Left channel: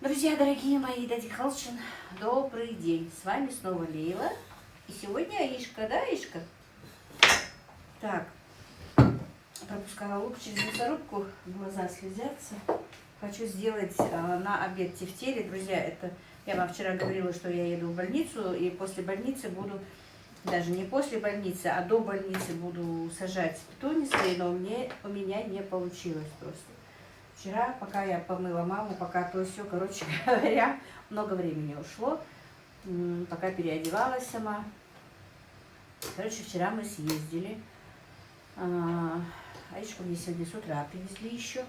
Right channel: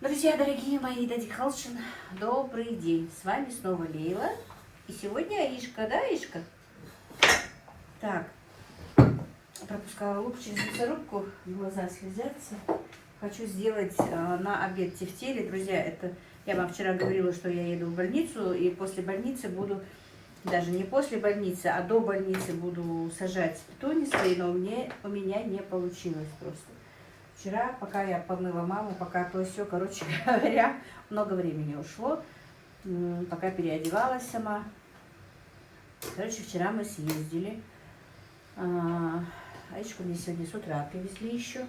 Друзья, дорогие мои, Дади Халчин, добрый день. С вами снова Лейла. И сегодня Аишка, да, Аишка? Так, пропускала лук через мясорубку, глаза слезятся. Хочу сделать на обед тефтели. Друзья, это я вам вчера говорила, что я еду в больницу, и после больницы буду, даже не после больницы, а до больницы буду сажать петуни свои, но у меня не получилось просто. Вчера, пока я помыла маму, пока то все, короче говоря, много времени ушло, пока переодевалась сама. Короче, вчера мы съездили. Аишку мне сегодня с утра привезли еще.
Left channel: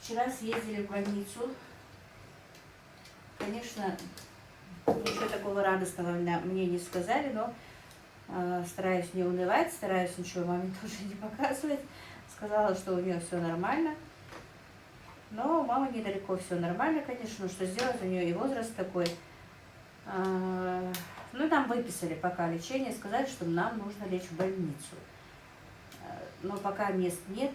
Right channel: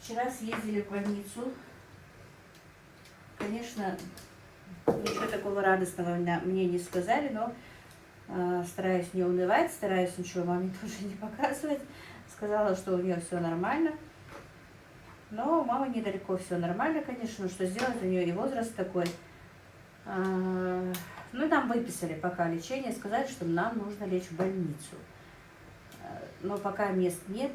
Вчера съездили в больницу. Конечно, ничего такого радостного мне не сказали, но стараюсь не унывать, стараюсь ничего маме тоже не показывать. Сказала, что у нее все нормально. Но у мамы недалеко все нормально, конечно, что сделать, у нее и возраст такой. Ну, нам выписали пока лечение, сказали, что нам нужно лечь в больницу. Но пока мест нет,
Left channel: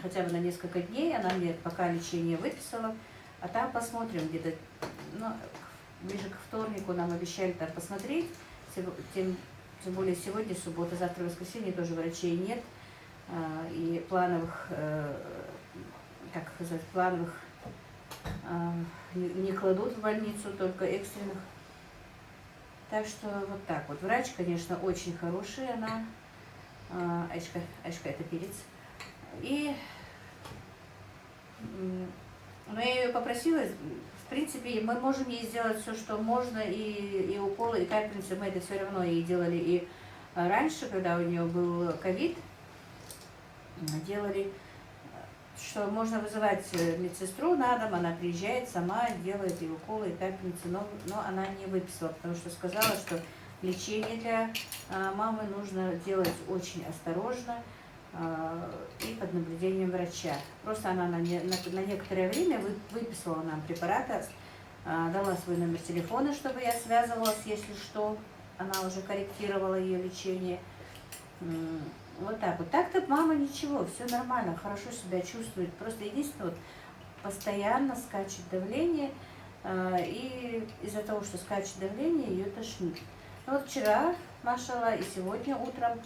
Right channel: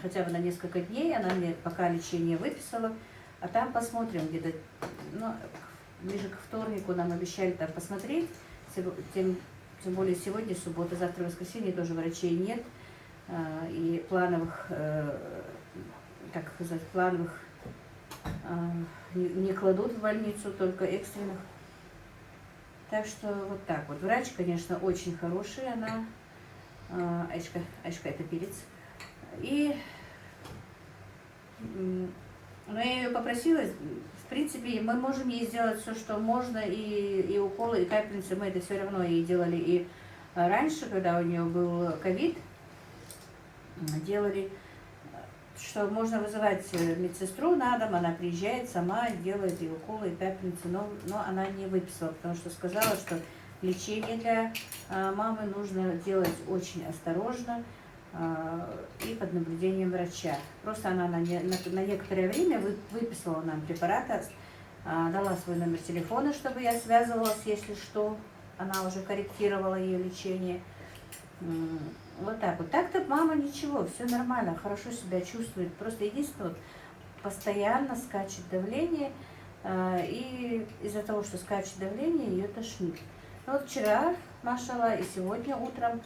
хотя бы на несколько дней, она мне пока лечение выписала, а там посмотрим где-то, ну, ближе к вторнику нам обещали там посмотреть, тем более сегодня суббота, завтра воскресенье, тоже врачей нет, и плановых... как сказать, плановых не кладут в больницу, только экстренных. Так что вот так вот. Врач, конечно, очень хороший, она, Аишка это перец. И, но я ее попросила, в принципе, мы можем ей сделать все, что можно, и уколы, и капельницы, мы это все равно ей делали. И раньше, когда у нее был ковид, делали, что можно вызывать медсестру на дом, она приезжает сама, делает и уколы, и капельницы, но она не выписала, потому что сказала, что лечение для мамы нужно делать очень осторожно и под наблюдением врача. Просто она на некоторое время выписала нам препараты, дала свой номер телефона, чтобы я связывалась, если что, она уже корректировала ее лечение. Вот так вот. Так-то мама ничего, все нормально, хорошо себя чувствует. Просто единственное, вот, постоянно скачет давление, и из-за того, что скачет давление, ее тошнит. Но вот вчера, машалла, и сегодня утром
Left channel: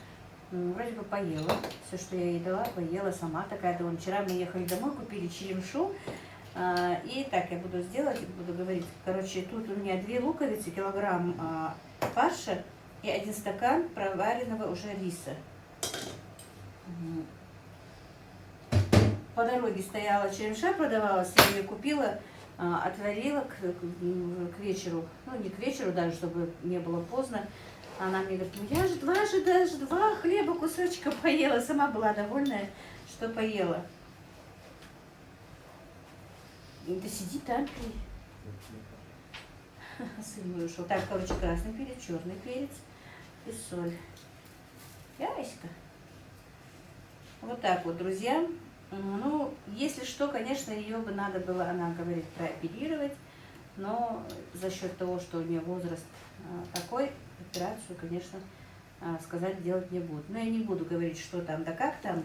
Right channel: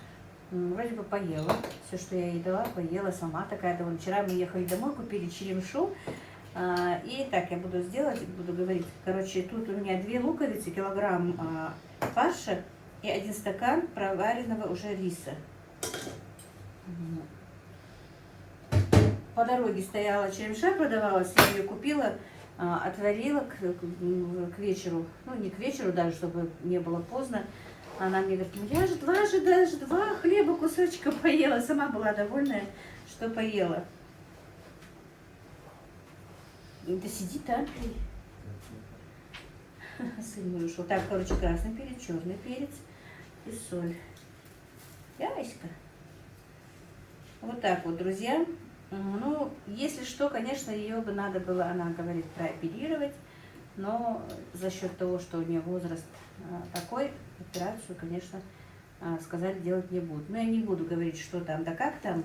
вроде бы поела. Все, что я ей дала, поела сама. Такая довольно. Вчера мы ехали домой, купили черемшу. И так я буду сделать, буду говорить. Короче, тут у меня 2 луковицы, килограмм фарша и 1 стакан проваренного уже риса. По дороге стояла черемша, продавалась, я ее купила, отварила к вечеру, ну не к вечеру даже, чтобы не было поздно. Она мне говорит, ну я же даже два хлеба кусочка поела, сама была довольная, что поела. Да сиди там, пей. Сын мой ушел. Так, короче, красный перец, черный перец и соль. Яська. Вот так вот, друзья. Ну, если что, конечно, ее бы надо было, она говорит, прооперировать, но за счет того, что у нее возраст такой, операцию, конечно, сказать делать не будут. Но я не буду говорить, что там, да как там,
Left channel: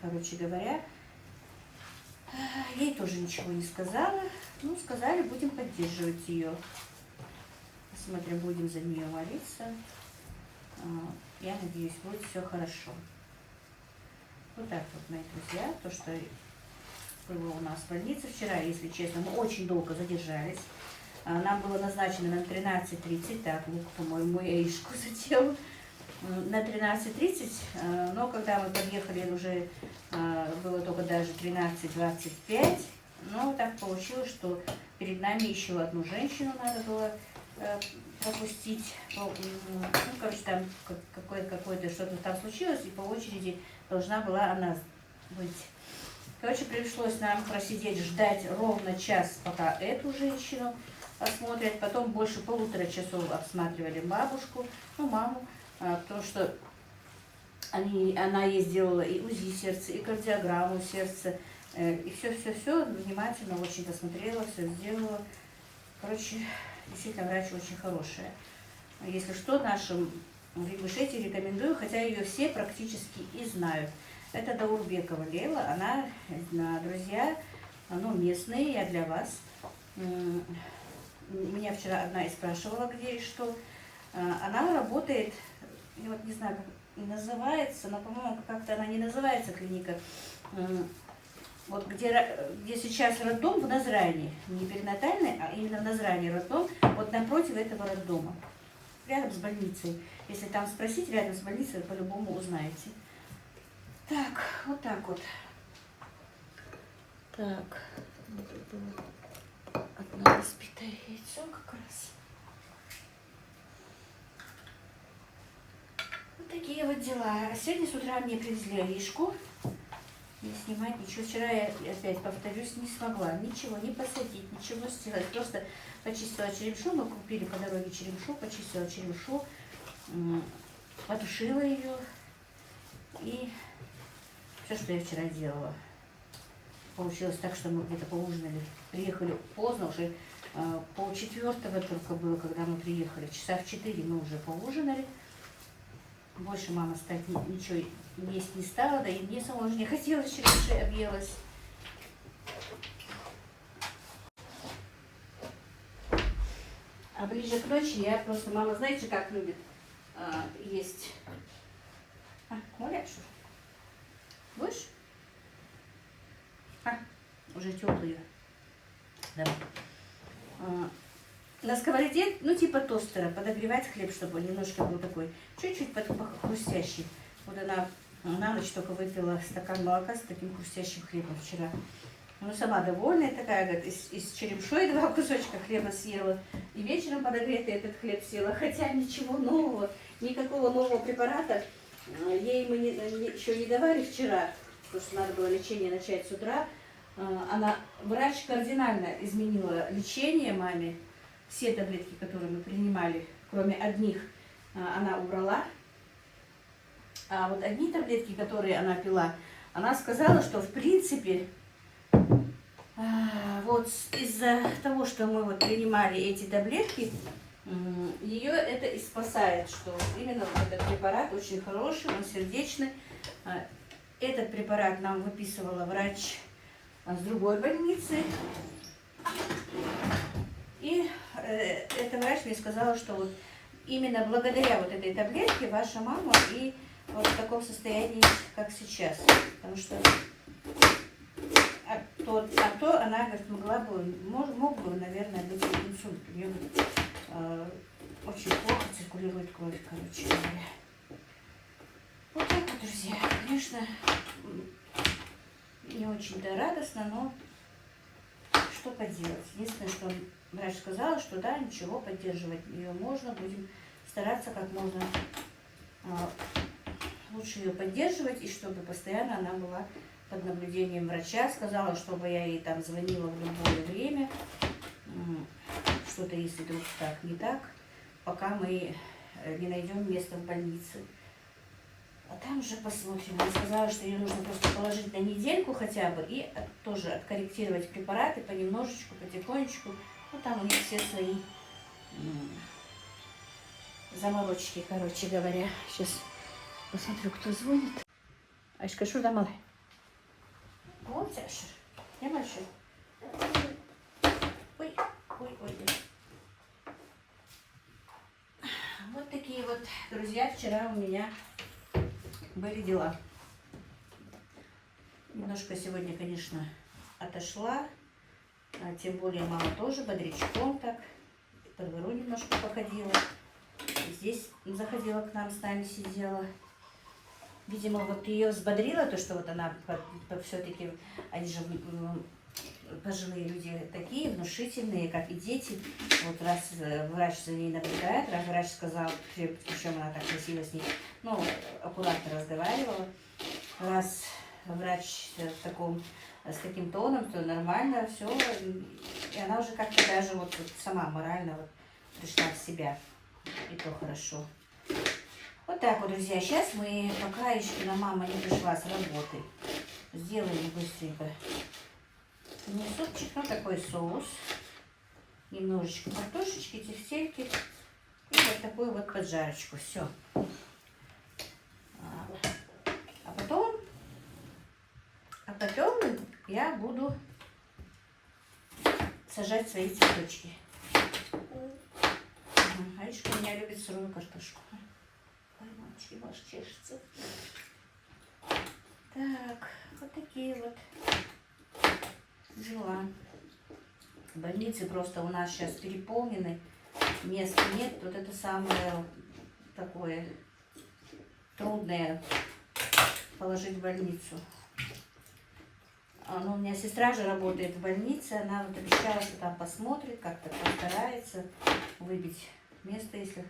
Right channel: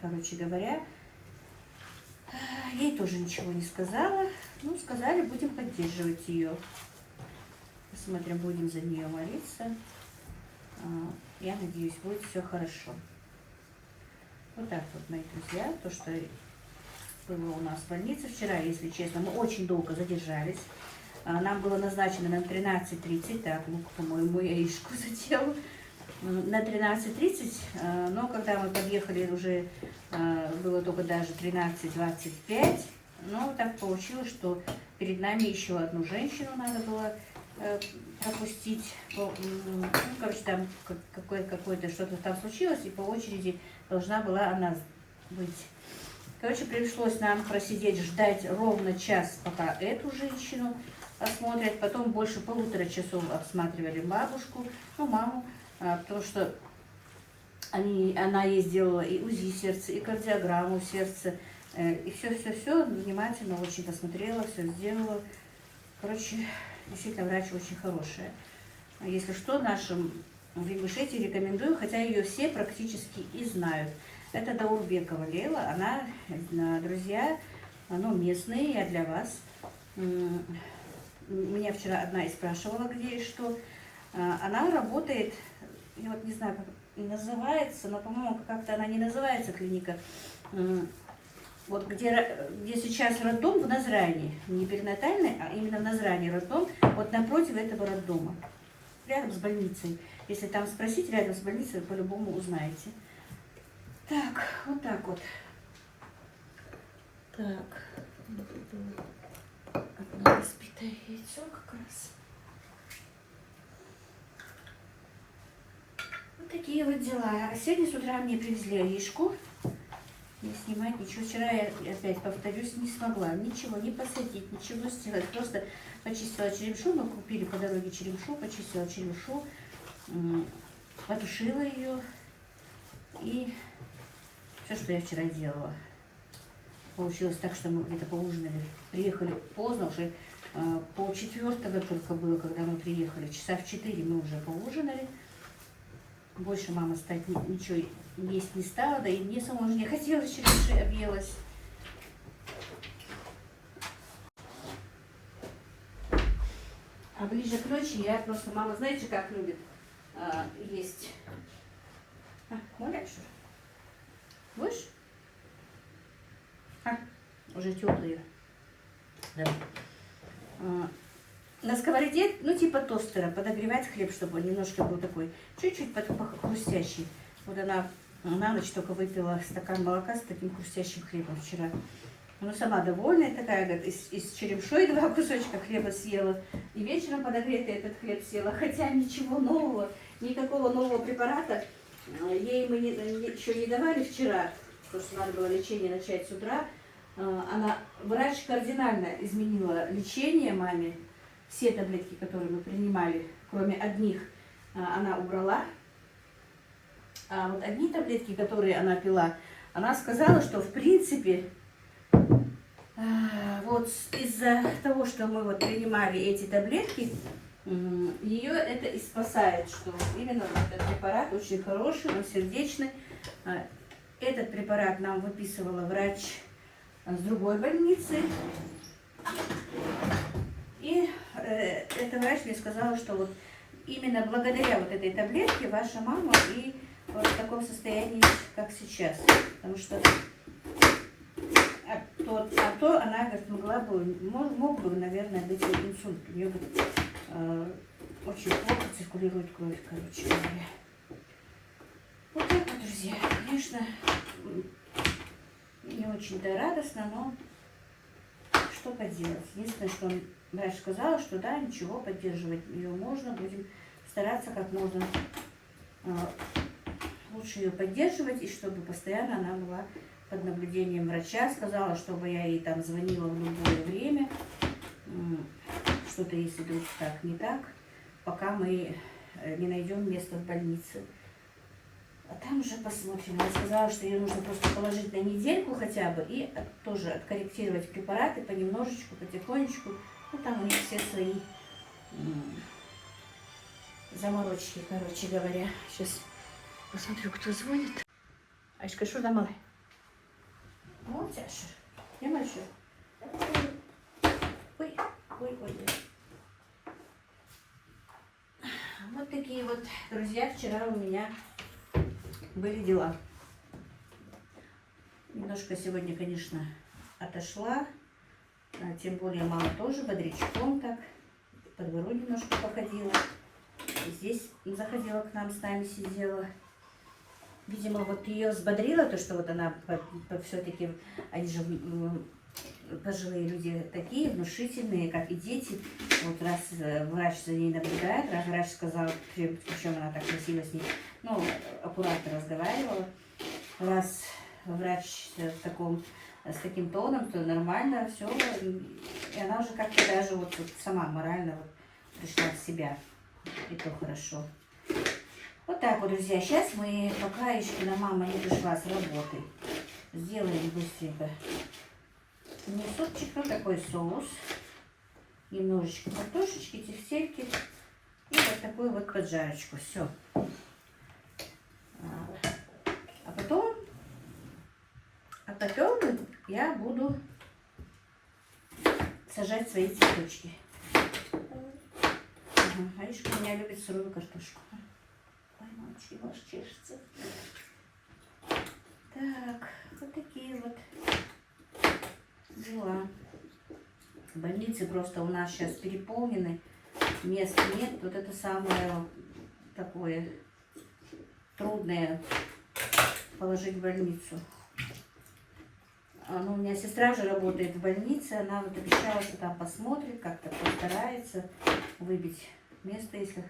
короче говоря, ей тоже ничего не сказала. Ну, сказали, будем поддерживать ее. Посмотрим, будем за нее молиться. Я надеюсь, будет все хорошо. Вот так вот, мои друзья, то, что было у нас в больнице вчера, если честно, мы очень долго задержались. Нам было назначено на 13:30, так, лук, по-моему, я Аишку задел, на 13:30, но когда мы подъехали, уже было только даже 13:25, но так получилось, что перед нами еще одну женщину надо было пропустить. Ну, короче, там какое-то что-то там случилось, и по очереди должна была она быть. Короче, пришлось нам просидеть, ждать ровно час, пока эту женщину осмотрят. Потом больше 1,5 часов обсматривали бабушку, ну, маму, потому что она ей сделала и УЗИ сердца, и кардиограмму сердца, и все внимательно очень посмотрела, все сделала. Короче, действительно, врач очень хорошая. Если что, нашим в Ингушетии рекомендую, хотя ее все практически и знают. Это Даурбекова Лейла, она, друзья, но местные, я для вас. Меня вчера одна и спрашивала, где и что. Она работает, я вот не знаю, как называется, но, по-моему, как-то она не называется клиника. Вот где сейчас роддом в Назране, не перинатальный, а именно в Назране роддом, вот напротив этого роддома, рядом с больницей. Если там спросить, рядом с больницей, вы по-любому узнаете. Так, вот так вот. Так, одно разбитое яйцо как раз. Вот такие вот дела. Сегодня с утра мне привезли Аришку. Не снимать ничего. Вчера я, опять повторюсь, не смогла ничего не посадить, ничего сделать. Просто почистила черемшу. Мы купили по дороге черемшу, почистила черемшу, потушила ее. И все, что я вчера делала. Получилось так, что мы где-то поужинали. Приехали поздно, уже 3:30 только было, когда мы приехали. Часа в 4 мы уже поужинали. Больше мама стать ничего есть не стала, да и мне самой уже не хотелось, черемши объелась. А ближе к ночи я просто, мама, знаете, как любит есть? Моля, что? Будешь? Уже теплые. Давай. На сковороде, ну типа тостера, подогревать хлеб, чтобы он немножко был такой, чуть-чуть хрустящий. Вот она на ночь только выпила стакан молока с таким хрустящим хлебом вчера. Ну, сама довольная такая, говорит, из черемшой 2 кусочка хлеба съела. И вечером подогретый этот хлеб съела. Хотя ничего нового, никакого нового препарата ей мы еще не давали вчера, потому что надо было лечение начать с утра. Врач кардинально изменила лечение маме. Все таблетки, которые мы принимали, кроме одних, она убрала. А вот одни таблетки, которые она пила, она сказала, что в принципе вот из-за того, что мы вот принимали эти таблетки, ее это и спасает, что именно вот этот препарат очень хороший, он сердечный. Этот препарат нам выписывала врач с другой больницы. И эта врач мне сказала, что вот именно благодаря вот этой таблетке ваша мама и вот в таком состоянии, как сейчас. Потому что то она, говорит, мог бы, наверное, быть инсульт. У нее, говорит, очень плохо циркулирует кровь, короче говоря. Вот так вот, друзья. Конечно, не очень-то радостно, но что поделать. Единственное, что врач сказала, что да, ничего, поддерживать ее можно, будем стараться как можно лучше ее поддерживать, и чтобы постоянно она была под наблюдением врача. Сказала, чтобы я ей там звонила в любое время, что-то если вдруг так не так, пока мы не найдем место в больнице. А там уже посмотрим. Она сказала, что ее нужно просто положить на недельку хотя бы и тоже откорректировать препараты понемножечку, потихонечку. Ну там у них все свои заморочки, короче говоря. Сейчас посмотрю, кто звонит. Ашка, что там? Вот, Аша. Я мальчик. Ой. Вот такие вот, друзья, вчера у меня были дела. Немножко сегодня, конечно, отошла. Тем более мама тоже бодрячком так. По двору немножко походила. Здесь заходила к нам, с нами сидела. Видимо, вот ее взбодрило то, что вот она все-таки, они же пожилые люди такие, внушительные, как и дети. Вот раз врач за ней наблюдает, раз врач сказал, причем она так красиво с ней, ну, аккуратно разговаривала. Раз врач с таким тоном, то нормально, все. И она уже как-то даже вот сама морально вот пришла в себя. И то хорошо. Вот так вот, друзья. Сейчас мы, пока Ишкина мама не пришла с работы, сделаем быстренько не супчик, но такой соус. Немножечко картошечки, тефтельки. И вот такую вот поджарочку. Все. А потом я буду сажать свои цветочки. Ага, Аишка у меня любит сырую картошку. Ой, мальчик, ваш чешется. Так, вот такие вот дела. Больницы просто у нас сейчас переполнены, мест нет. Вот это самое такое трудное положить в больницу. Ну, у меня сестра же работает в больнице, она вот обещала, что там посмотрит, как-то постарается выбить место, если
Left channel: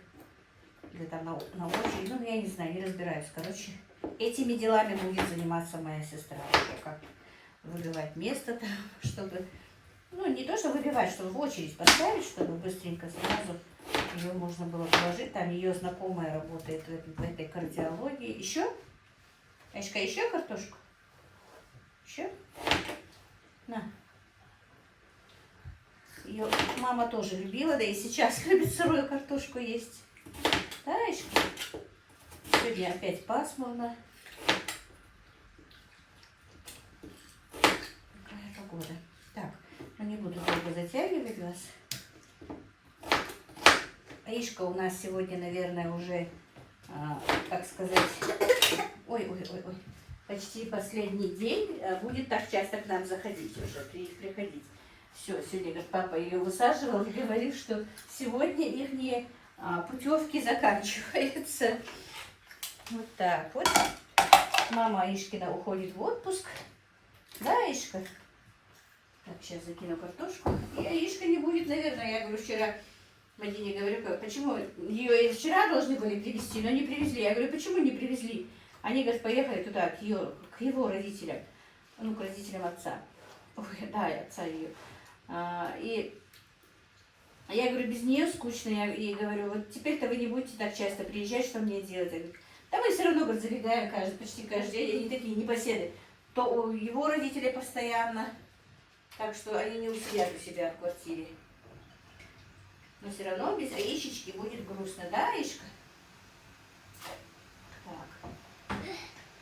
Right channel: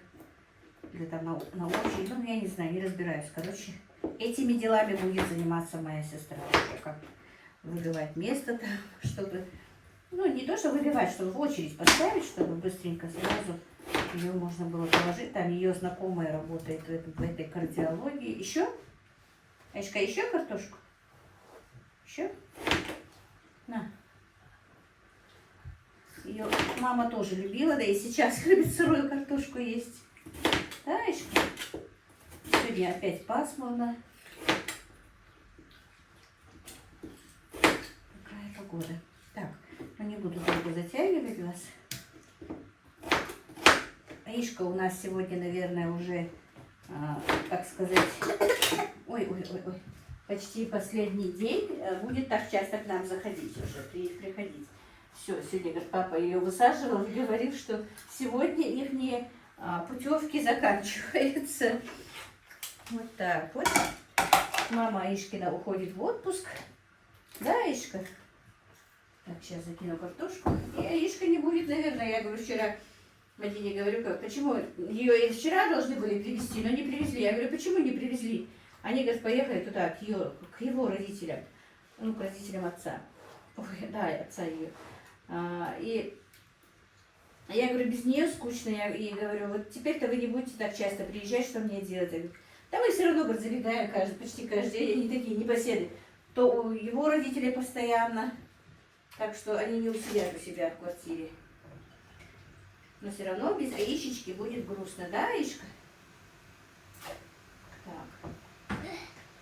или там на очередь. Ну, я не знаю, не разбираюсь. Короче, этими делами будет заниматься моя сестра. Как выбивать место там, чтобы... Ну, не то, что выбивать, чтобы в очередь поставить, чтобы быстренько сразу ее можно было положить. Там ее знакомая работает в этой кардиологии. Еще? Аишка, еще картошку? Еще? На. Ее мама тоже любила, да и сейчас любит сырую картошку есть. Да, Аишка? Сегодня опять пасмурно. Какая погода. Так, ну не буду долго затягивать вас. Аишка у нас сегодня, наверное, уже, как сказать, ой, почти последний день будет так часто к нам заходить уже, приходить. Все, сегодня, говорит, папа ее высаживал и говорил, что сегодня их путевки заканчиваются. Вот так вот. Мама Аишкина уходит в отпуск. Да, Аишка? Так, сейчас закину картошку. И Аишка не будет, наверное, я говорю, вчера Мадине говорю, почему ее и вчера должны были привезти, но не привезли. Я говорю, почему не привезли? Они, говорят, поехали туда, к его родителям, ну, к родителям отца. Ой, да, отца ее. И я говорю, без нее скучно. Я ей говорю, вот теперь-то вы не будете так часто приезжать, что мне делать? Я говорю, да мы все равно, говорит, забегаем почти каждый день, они такие непоседы. То у его родителей постоянно, так что они не усидят у себя в квартире. Но все равно без Аишечки будет грустно, да, Аишка? Так,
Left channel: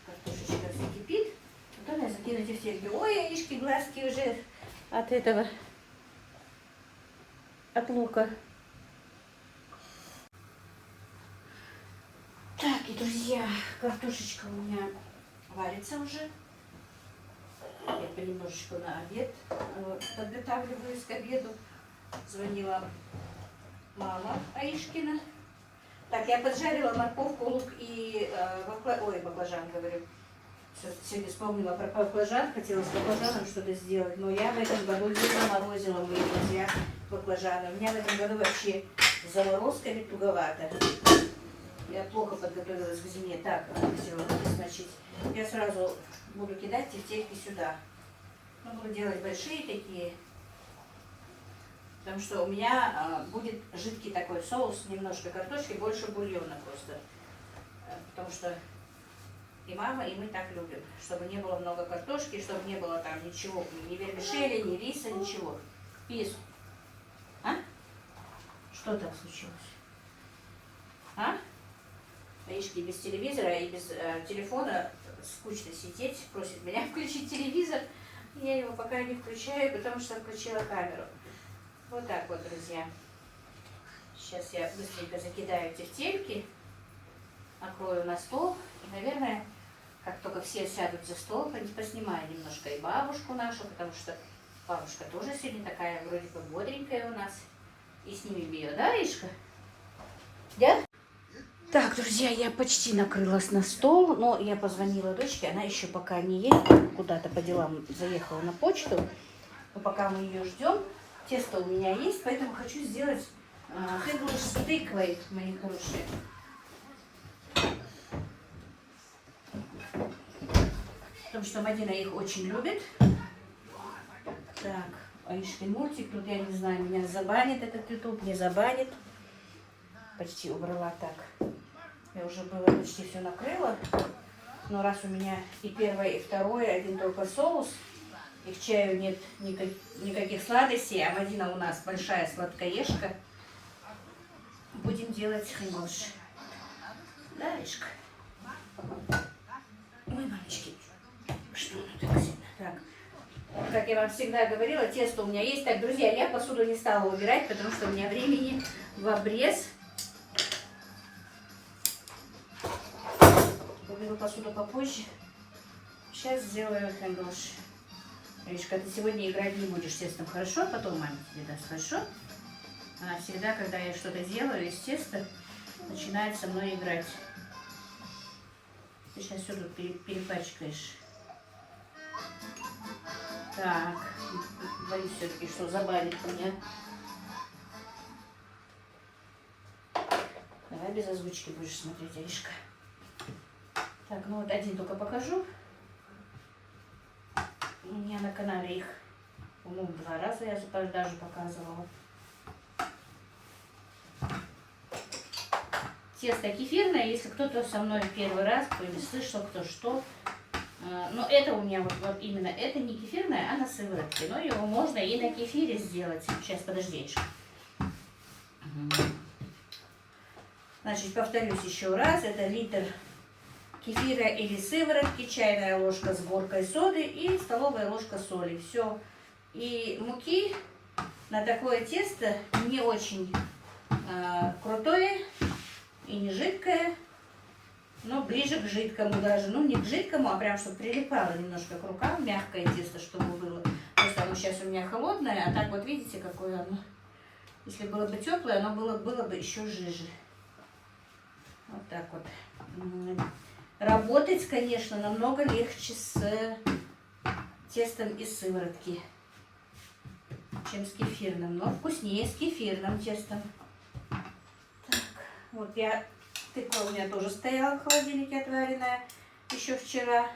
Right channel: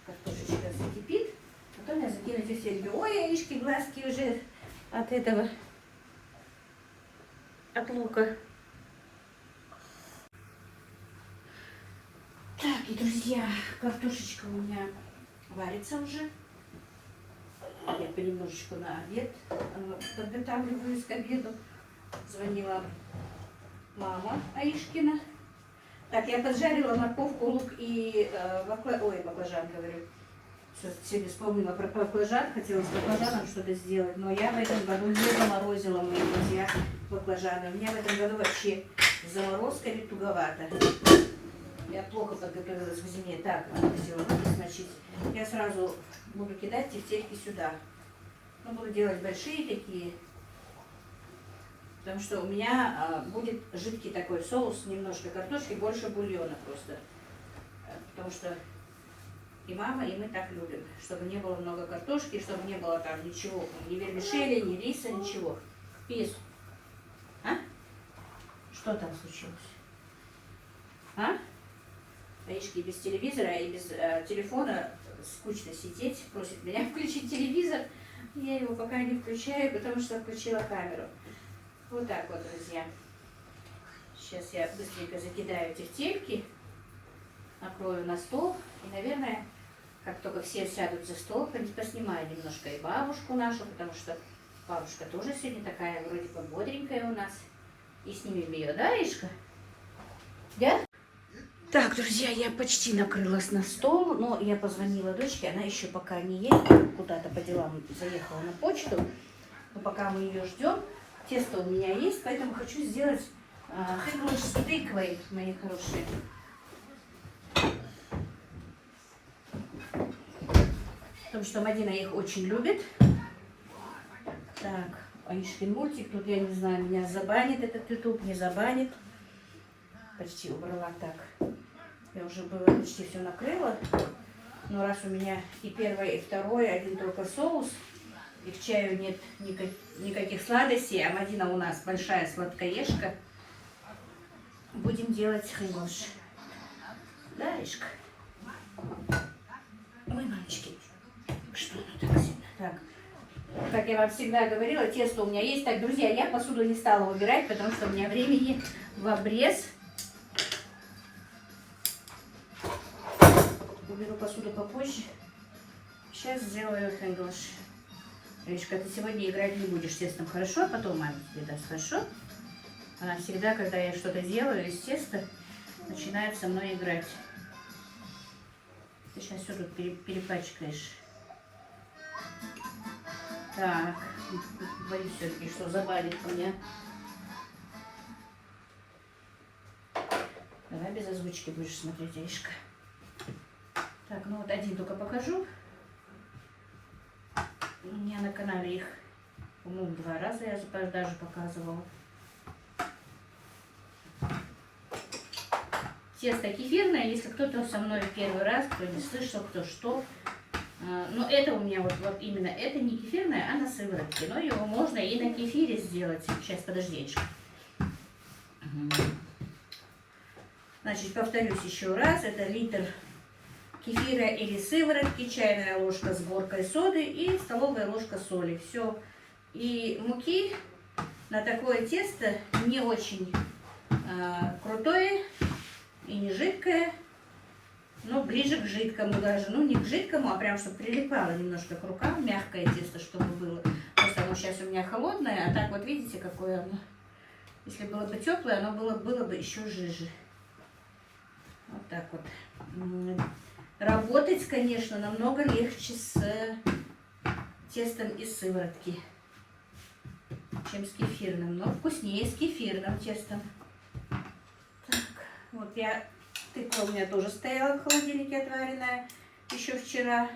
картошечка закипит. Потом я закину тефтельки. Ой, Аишки, глазки уже от этого, от лука. Так, и, друзья, картошечка у меня варится уже. Я понемножечку на обед подготавливаюсь к обеду. Звонила мама Аишкина. Так, я поджарила морковку, лук и баклажан, говорю. Сегодня вспомнила про баклажан, хотела с баклажаном что-то сделать, но я в этом году не заморозила, мои друзья, баклажаны. У меня в этом году вообще с заморозками туговато. Я плохо подготовилась к зиме. Так, надо все равно смочить. Я сразу буду кидать тефтельки сюда. Ну, буду делать большие такие. Потому что у меня будет жидкий такой соус, немножко картошки, больше бульона просто. Потому что и мама, и мы так любим. Чтобы не было много картошки, чтобы не было там ничего, ни вермишели, ни риса, ничего. Пис. А? Что там случилось? А? Аишки без телевизора и без телефона скучно сидеть. Просит меня включить телевизор. Я его пока не включаю, потому что включила камеру. Вот так вот, друзья. Сейчас я быстренько закидаю тефтельки, накрою на стол. И, наверное, как только все сядут за стол, поснимаю немножко и бабушку нашу, потому что бабушка тоже сегодня такая вроде бы бодренькая у нас. И снимем ее, да, Аишка? Да? Так, друзья, я почти накрылась на стол, но я позвонила дочке, она еще пока не едет, куда-то по делам заехала на почту. Но пока мы ее ждем, тесто у меня есть, поэтому хочу сделать сэндвич с тыквой, мои хорошие. Потому что Мадина их очень любит. Так, Аишкин мультик, тут я не знаю, меня забанит этот YouTube, не забанит. Почти убрала так. Я уже было почти все накрыла. Но раз у меня и первое, и второе, один только соус, и в чаю нет никаких сладостей, а Мадина у нас большая сладкоежка, будем делать сэндвич. Да, Аишка? Ой, мамочки, что оно так сильно? Так, как я вам всегда говорила, тесто у меня есть. Так, друзья, я посуду не стала убирать, потому что у меня времени в обрез. Уберу посуду попозже. Сейчас сделаю хэндвош. Речка, ты сегодня играть не будешь с тестом, хорошо? Потом маме тебе даст, хорошо? Она всегда, когда я что-то делаю из теста, начинает со мной играть. Ты сейчас все тут перепачкаешь. Так, боюсь все-таки, что забанит меня. Давай без озвучки будешь смотреть, Аришка. Так, ну вот один только покажу. У меня на канале их, по-моему, 2 раза я даже показывала. Тесто кефирное, если кто-то со мной первый раз, кто не слышал, кто что. Но это у меня вот именно, это не кефирное, а на сыворотке. Но его можно и на кефире сделать. Сейчас, подожди. Значит, повторюсь еще раз. Это литр кефира или сыворотки, чайная ложка с горкой соды и столовая ложка соли. Все. И муки на такое тесто не очень крутое и не жидкое. Но ближе к жидкому даже. Ну, не к жидкому, а прям, чтобы прилипало немножко к рукам. Мягкое тесто, чтобы было. Просто оно сейчас у меня холодное. А так вот видите, какое оно. Если было бы теплое, оно было бы еще жиже. Вот так вот. Работать, конечно, намного легче с тестом из сыворотки, чем с кефирным. Но вкуснее с кефирным тестом. Так, вот я... Тыква у меня тоже стояла в холодильнике отваренная еще вчера.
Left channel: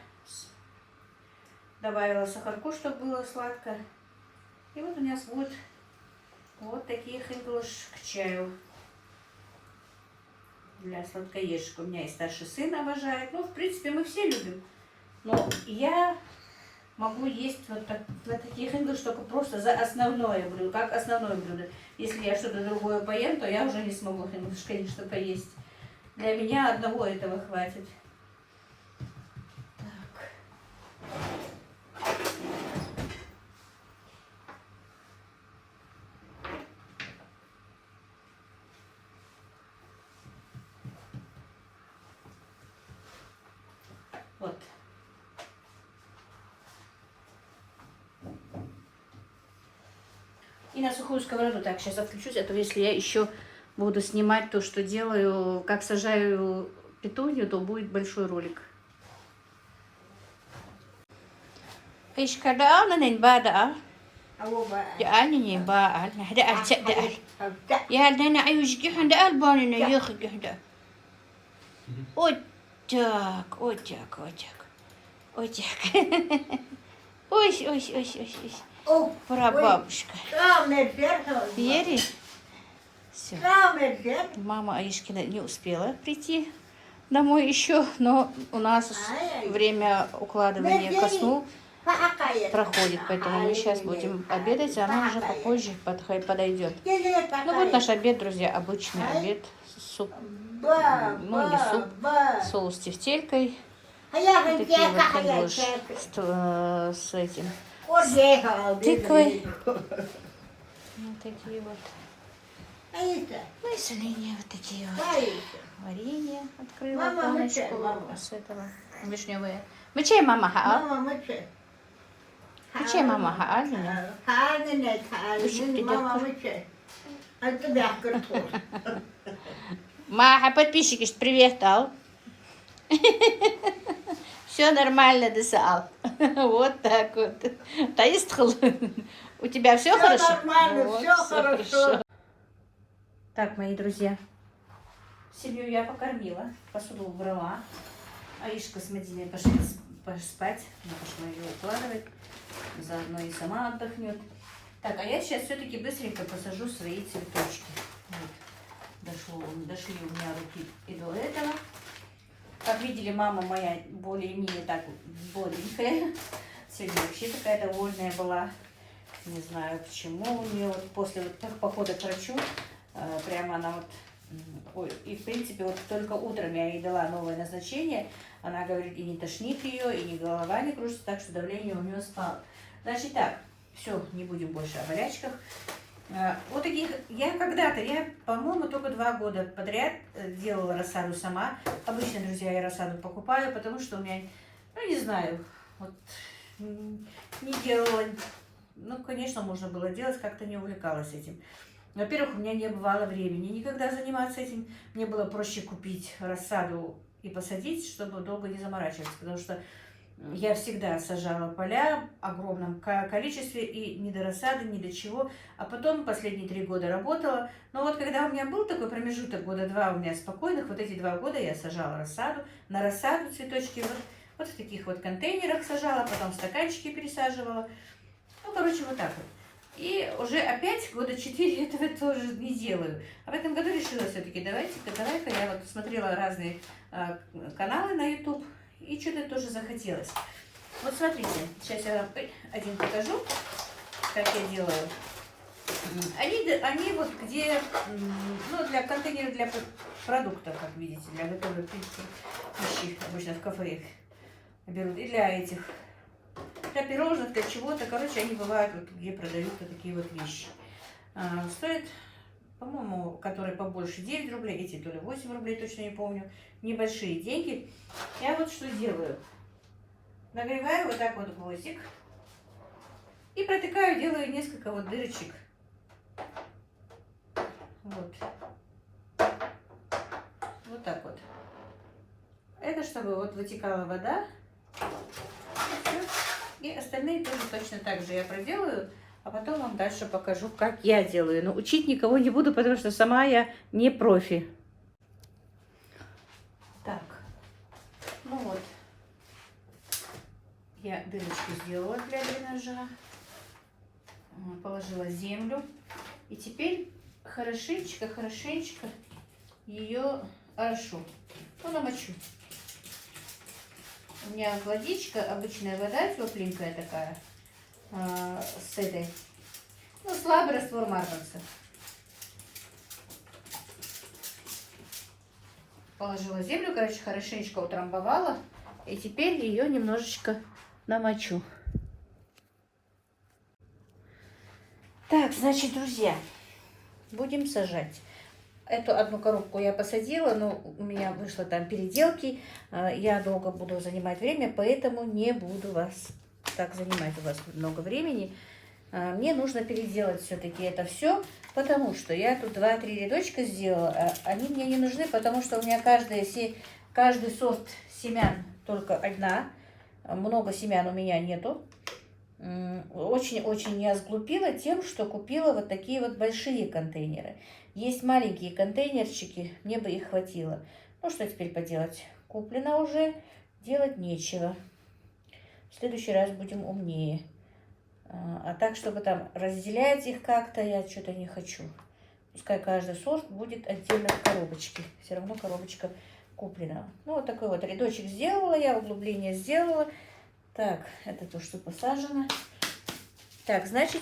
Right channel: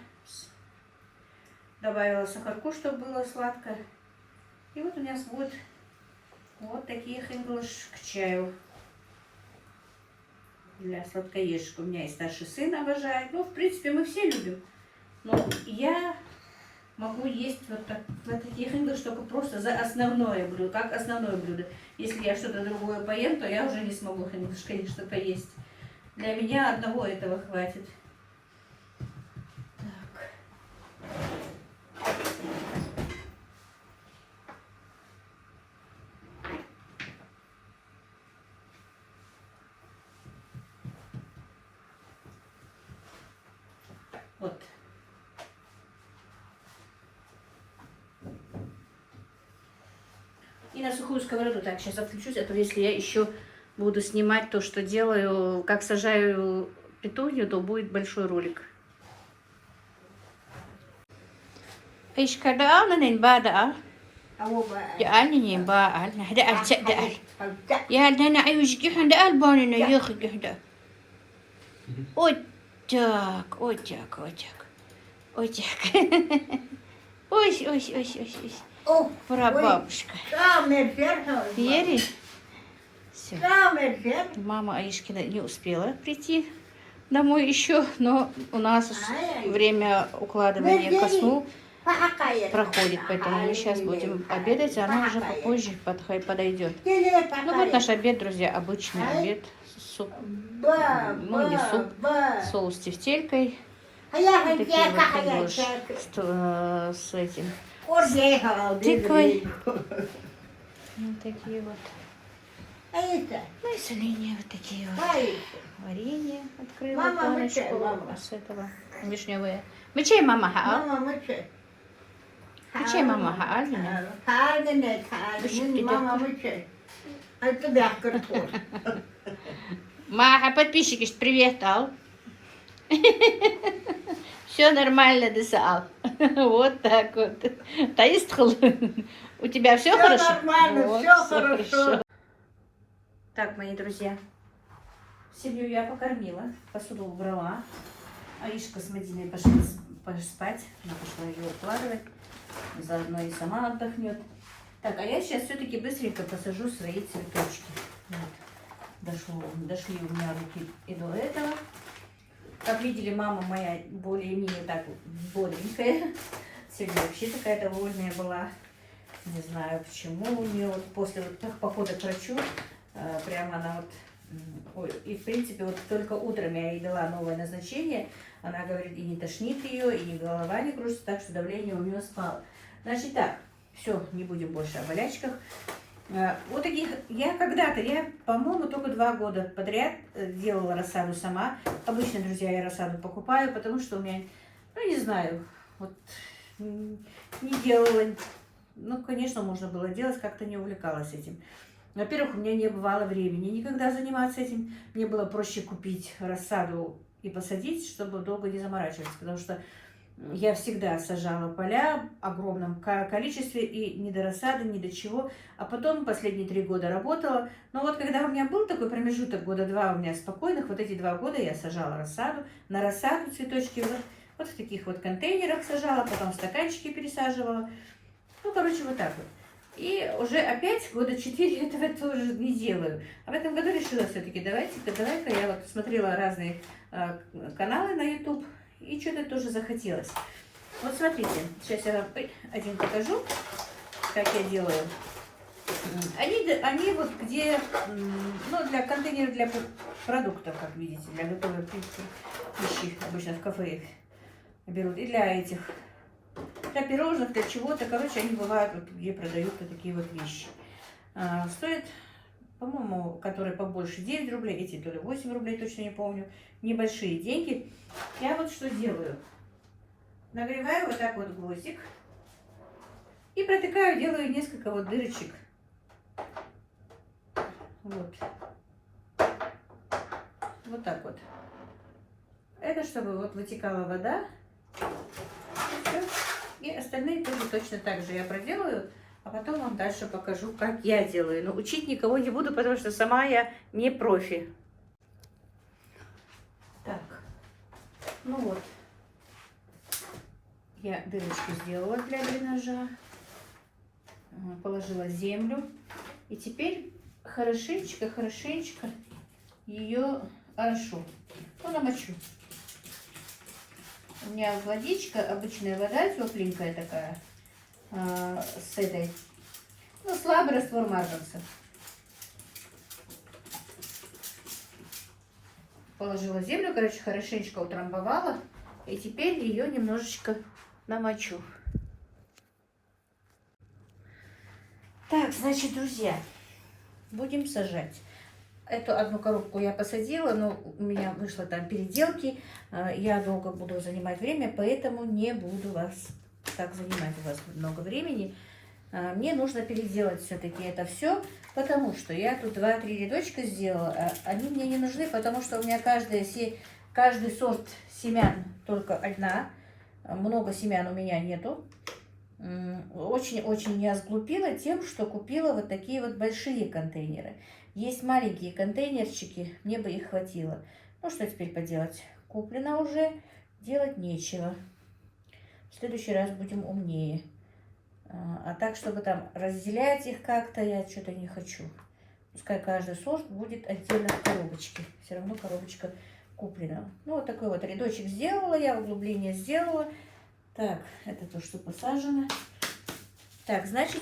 Добавила сахарку, чтобы было сладко. И вот у меня будет вот такие хэндвош к чаю. Для сладкоежек. У меня и старший сын обожает. Ну, в принципе, мы все любим. Но я могу есть вот так, на такие хэндвош только просто за основное блюдо. Как основное блюдо. Если я что-то другое поем, то я уже не смогу хэндвош, конечно, поесть. Для меня одного этого хватит. Так. Вот. И на сухую сковороду. Так, сейчас отключусь. Это если я еще буду снимать то, что делаю, как сажаю петунью, то будет большой ролик. ايش كذا انا نبادأ يعني باء هذا التأدأ يا هذا عايش جهن ده الباني نيخ جهدا اوتاك اوتاك اوتاك اوتاك اوش اوش اوش اوش اوش прабабушка Ери? Все. Мама Аишкина не успела прийти домой еще, но у нас время укладывания ко сну проходит, поэтому мы сейчас будем обедать, а она уже попозже подойдет. Ну вот наш обед, друзья, обычный обед, суп, ну не суп, соус с тефтелькой, вот такие вот хэндвош с этим, с тыквой, вот такие вот. Ну и соленья вот такие вот. Варенье открыла баночку с этого вишневые. Мечей мама хаал. Мечей мама хаал. Маха, подписчики, привет, Ал. Все нормально, Десаал. Вот так вот. Таистхал. У тебя все хорошо? Нормально, все хорошо. Так, мои друзья, семью я покормила, посуду убрала. Аишка с Мадиной пошли спать. Она пошла ее укладывать. Заодно и сама отдохнет. Так, а я сейчас все-таки быстренько посажу свои цветочки. Вот. Дошли у меня руки и до этого. Как видели, мама моя более-менее так бодренькая. Сегодня вообще такая довольная была. Не знаю почему. У нее вот после похода к врачу прямо она вот... Ой, и в принципе вот только утром я ей дала новое назначение. Она говорит, и не тошнит ее, и голова не кружится, так что давление у нее Значит так, все, не будем больше о болячках. Вот таких, я, по-моему, только 2 года подряд делала рассаду сама. Обычно, друзья, я рассаду покупаю, потому что у меня, ну, не знаю, вот не делала. Ну, конечно, можно было делать, как-то не увлекалась этим. Во-первых, у меня не бывало времени никогда заниматься этим. Мне было проще купить рассаду и посадить, чтобы долго не заморачиваться, потому что я всегда сажала поля в огромном количестве и ни до рассады, ни до чего. А потом последние 3 года работала. Но вот когда у меня был такой промежуток, года 2 у меня спокойных, вот эти 2 года я сажала рассаду. На рассаду цветочки вот в таких вот контейнерах сажала, потом в стаканчики пересаживала. Ну, короче, вот так вот. И уже опять года 4 этого тоже не делаю. А в этом году решила все-таки, давай-ка я вот смотрела разные каналы на YouTube, и что-то тоже захотелось. Вот смотрите, сейчас я вам один покажу, как я делаю. Они вот где, ну, для контейнеров для продуктов, как видите, для готовой пищи, обычно в кафе их берут, и для этих, для пирожных, для чего-то. Короче, они бывают, вот, где продают вот такие вот вещи. Стоит, по-моему, которые побольше 9 рублей, эти то ли 8 рублей, точно не помню. Небольшие деньги. Я вот что делаю. Нагреваю вот так вот гвоздик и протыкаю, делаю несколько вот дырочек. Вот. Вот так вот. Это чтобы вот вытекала вода. И остальные тоже точно так же я проделаю, а потом вам дальше покажу, как я делаю. Но учить никого не буду, потому что сама я не профи. Так, ну вот, я дырочку сделала для дренажа, положила землю, и теперь хорошенечко ее орошу, ну, намочу. У меня водичка, обычная вода, тепленькая такая, с этой, ну, слабый раствор марганца. Положила землю, короче, хорошенечко утрамбовала, и теперь ее немножечко намочу. Так, значит, друзья, будем сажать. Эту одну коробку я посадила, но у меня вышло там переделки. Я долго буду занимать время, поэтому не буду вас так занимать. У вас много времени. Мне нужно переделать все-таки это все, потому что я тут 2-3 рядочка сделала. Они мне не нужны, потому что у меня каждый сорт семян только одна. Много семян у меня нету. Очень-очень я сглупила тем, что купила вот такие вот большие контейнеры. Есть маленькие контейнерчики, мне бы их хватило. Ну, что теперь поделать? Куплено уже, делать нечего. В следующий раз будем умнее. А так, чтобы там разделять их как-то, я что-то не хочу. Пускай каждый сорт будет отдельно в коробочке. Все равно коробочка куплена. Ну, вот такой вот рядочек сделала я, углубление сделала. Так, это то, что посажено. Так, значит,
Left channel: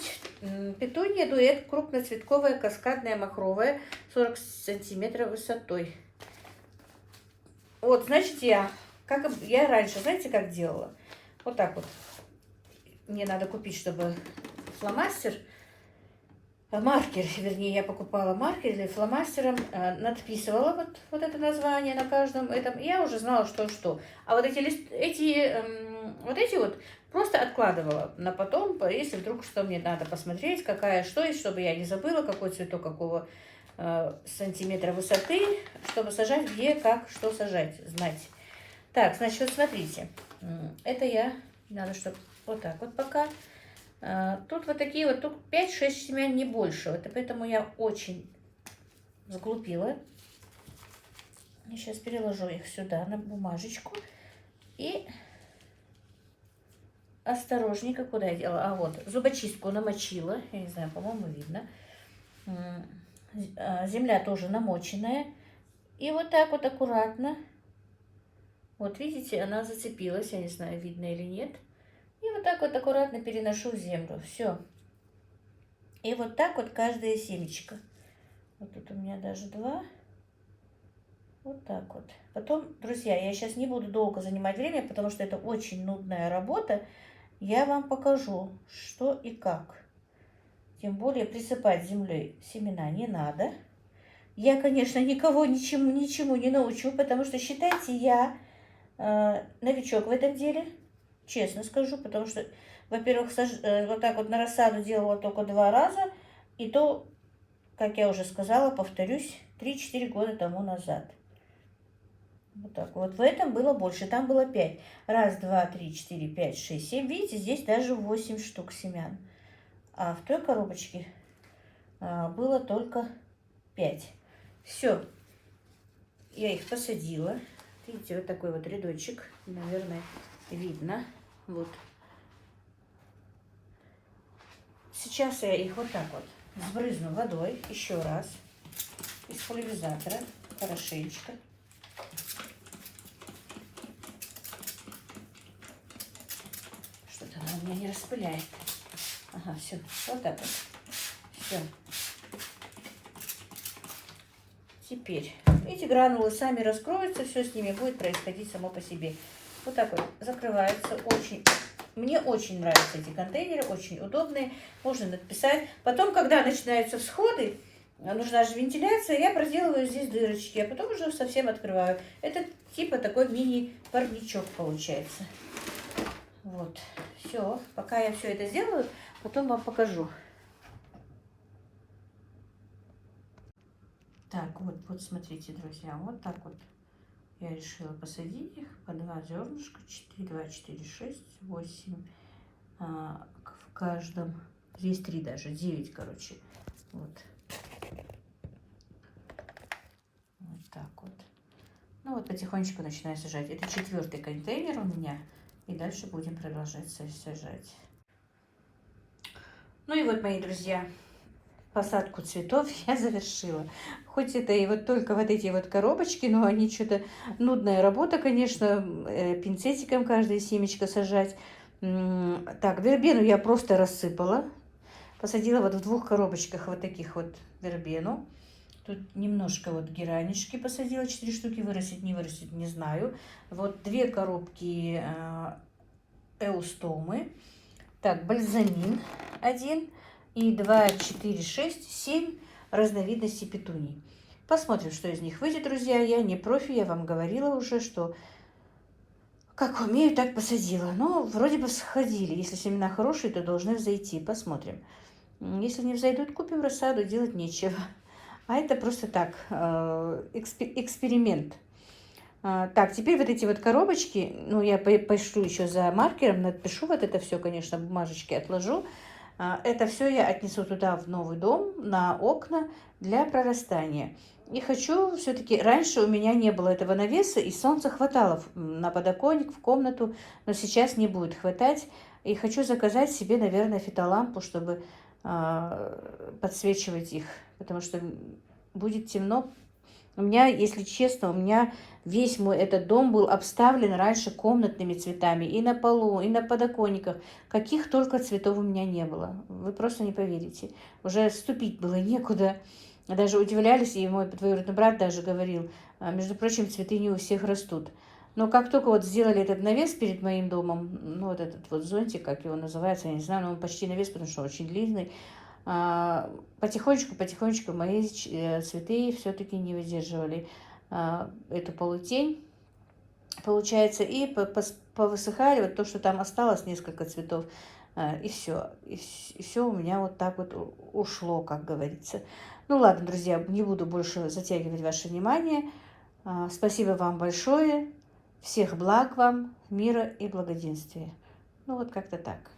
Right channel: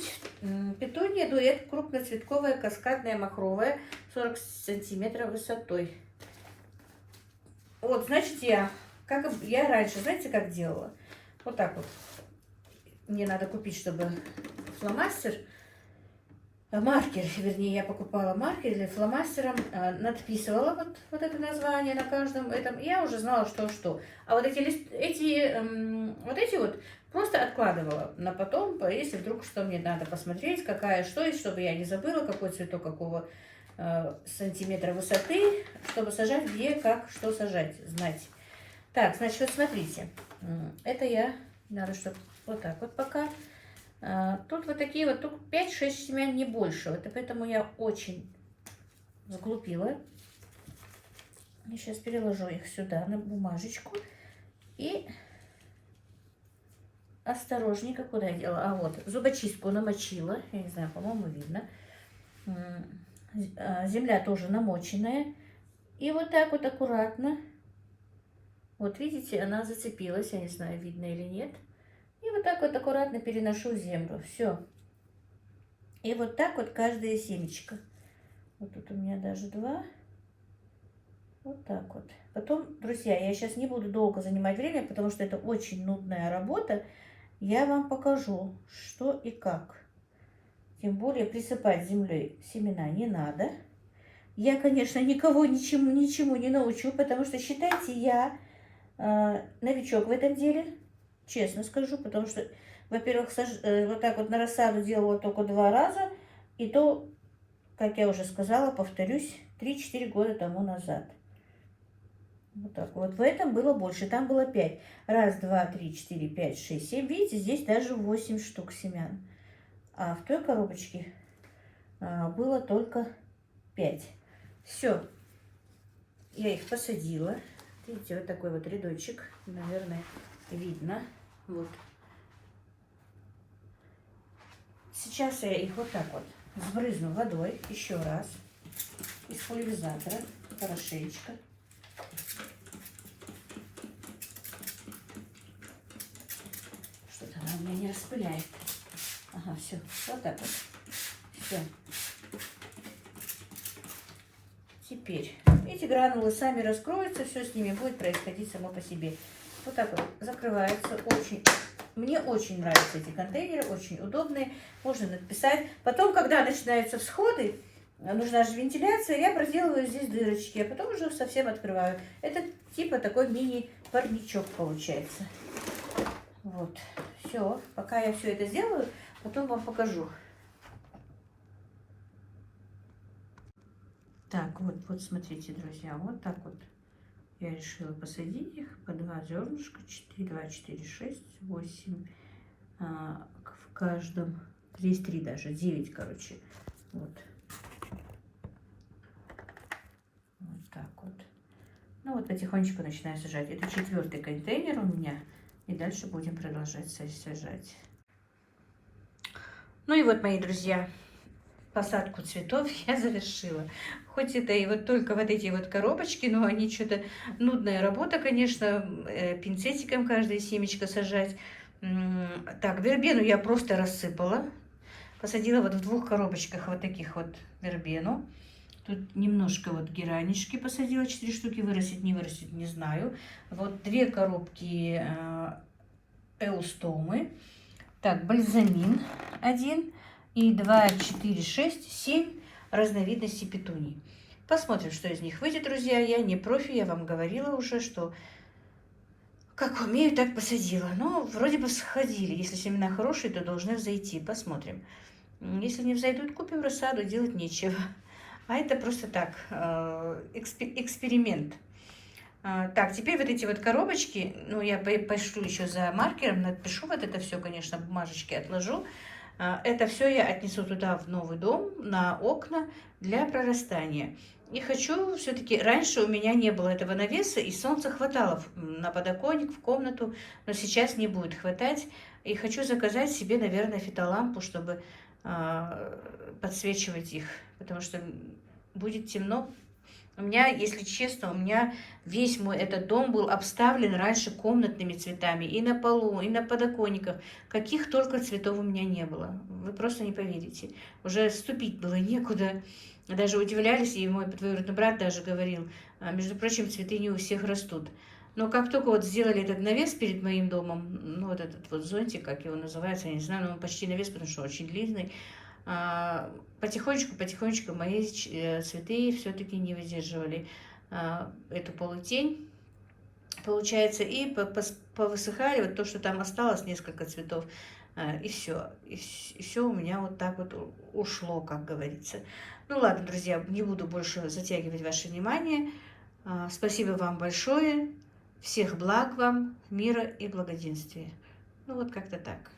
петуния дуэт крупноцветковая, каскадная, махровая, 40 сантиметров высотой. Вот, значит, я раньше, знаете, как делала? Вот так вот. Мне надо купить, чтобы фломастер, маркер, вернее, я покупала маркер или фломастером, надписывала вот это название на каждом этом. Я уже знала, что. А вот эти вот просто откладывала на потом, если вдруг что мне надо посмотреть, какая что есть, чтобы я не забыла, какой цветок, какого сантиметра высоты, чтобы сажать, где, как, что сажать, знать. Так, значит, вот смотрите, это надо, чтобы вот так вот пока. Тут вот такие вот, тут 5-6 семян, не больше. Вот и поэтому я очень сглупила. Я сейчас переложу их сюда на бумажечку. И осторожненько, куда я делала? А вот, зубочистку намочила. Я не знаю, по-моему, видно. Земля тоже намоченная. И вот так вот аккуратно. Вот видите, она зацепилась. Я не знаю, видно или нет. И вот так вот аккуратно переношу землю. Все. И вот так вот каждое семечко. Вот тут у меня даже 2. Вот так вот. Потом, друзья, я сейчас не буду долго занимать время, потому что это очень нудная работа. я вам покажу, что и как. Тем более присыпать землей семена не надо. Я, конечно, никого ничему не научу, потому что, считайте, я новичок в этом деле, честно скажу, потому что, во-первых, вот так вот на рассаду делала только 2 раза, и то, как я уже сказала, повторюсь, 3-4 года тому назад. Вот так вот. В этом было больше, там было 5. 1, 2, 3, 4, 5, 6, 7. Видите, здесь даже 8 штук семян. А в той коробочке было только 5. Все, я их посадила. Видите, вот такой вот рядочек, наверное, видно. Вот. Сейчас я их вот так вот сбрызну водой еще раз из пульверизатора, хорошенечко. Что-то она у меня не распыляет. Ага, все, вот так вот. Все. Теперь эти гранулы сами раскроются, все с ними будет происходить само по себе. Вот так вот закрывается. Мне очень нравятся эти контейнеры, очень удобные. Можно написать. Потом, когда начинаются всходы, нужна же вентиляция, я проделываю здесь дырочки, а потом уже совсем открываю. Это типа такой мини-парничок получается. Вот. Все. Пока я все это сделаю, потом вам покажу. Так, вот смотрите, друзья, вот так вот я решила посадить их по 2 зернышка, 4, 2, 4, 6, 8 в каждом, здесь 3 даже, 9, короче, вот. Вот так вот. Ну вот потихонечку начинаю сажать. Это 4-й контейнер у меня, и дальше будем продолжать сажать. Ну и вот, мои друзья, посадку цветов я завершила. Хоть это и вот только вот эти вот коробочки, но они что-то нудная работа, конечно, пинцетиком каждое семечко сажать. Так, вербену я просто рассыпала. Посадила вот в 2 коробочках вот таких вот вербену. Тут немножко вот геранички посадила, 4 штуки, вырастет, не вырастет, не знаю. Вот 2 коробки эустомы. Так, бальзамин 1. И 2, 4, 6, 7 разновидностей петуний. Посмотрим, что из них выйдет, друзья. Я не профи, я вам говорила уже, что как умею, так посадила. Но вроде бы сходили. Если семена хорошие, то должны взойти. Посмотрим. Если не взойдут, купим рассаду, делать нечего. А это просто так, эксперимент. Так, теперь вот эти вот коробочки, ну, я пошлю еще за маркером, напишу вот это все, конечно, бумажечки отложу. Это все я отнесу туда, в новый дом, на окна для прорастания. И хочу все-таки, раньше у меня не было этого навеса, и солнца хватало на подоконник, в комнату, но сейчас не будет хватать. И хочу заказать себе, наверное, фитолампу, чтобы подсвечивать их, потому что будет темно. У меня, если честно, у меня весь мой этот дом был обставлен раньше комнатными цветами. И на полу, и на подоконниках. Каких только цветов у меня не было. Вы просто не поверите. Уже ступить было некуда. Даже удивлялись, и мой двоюродный брат даже говорил, между прочим, цветы не у всех растут. Но как только вот сделали этот навес перед моим домом, ну вот этот вот зонтик, как его называется, я не знаю, но он почти навес, потому что очень длинный, потихонечку мои цветы все-таки не выдерживали эту полутень, получается, и повысыхали, вот то, что там осталось, несколько цветов, и все. И все у меня вот так вот ушло, как говорится. Ну ладно, друзья, не буду больше затягивать ваше внимание. Спасибо вам большое. Всех благ вам, мира и благоденствия. Ну вот как-то так.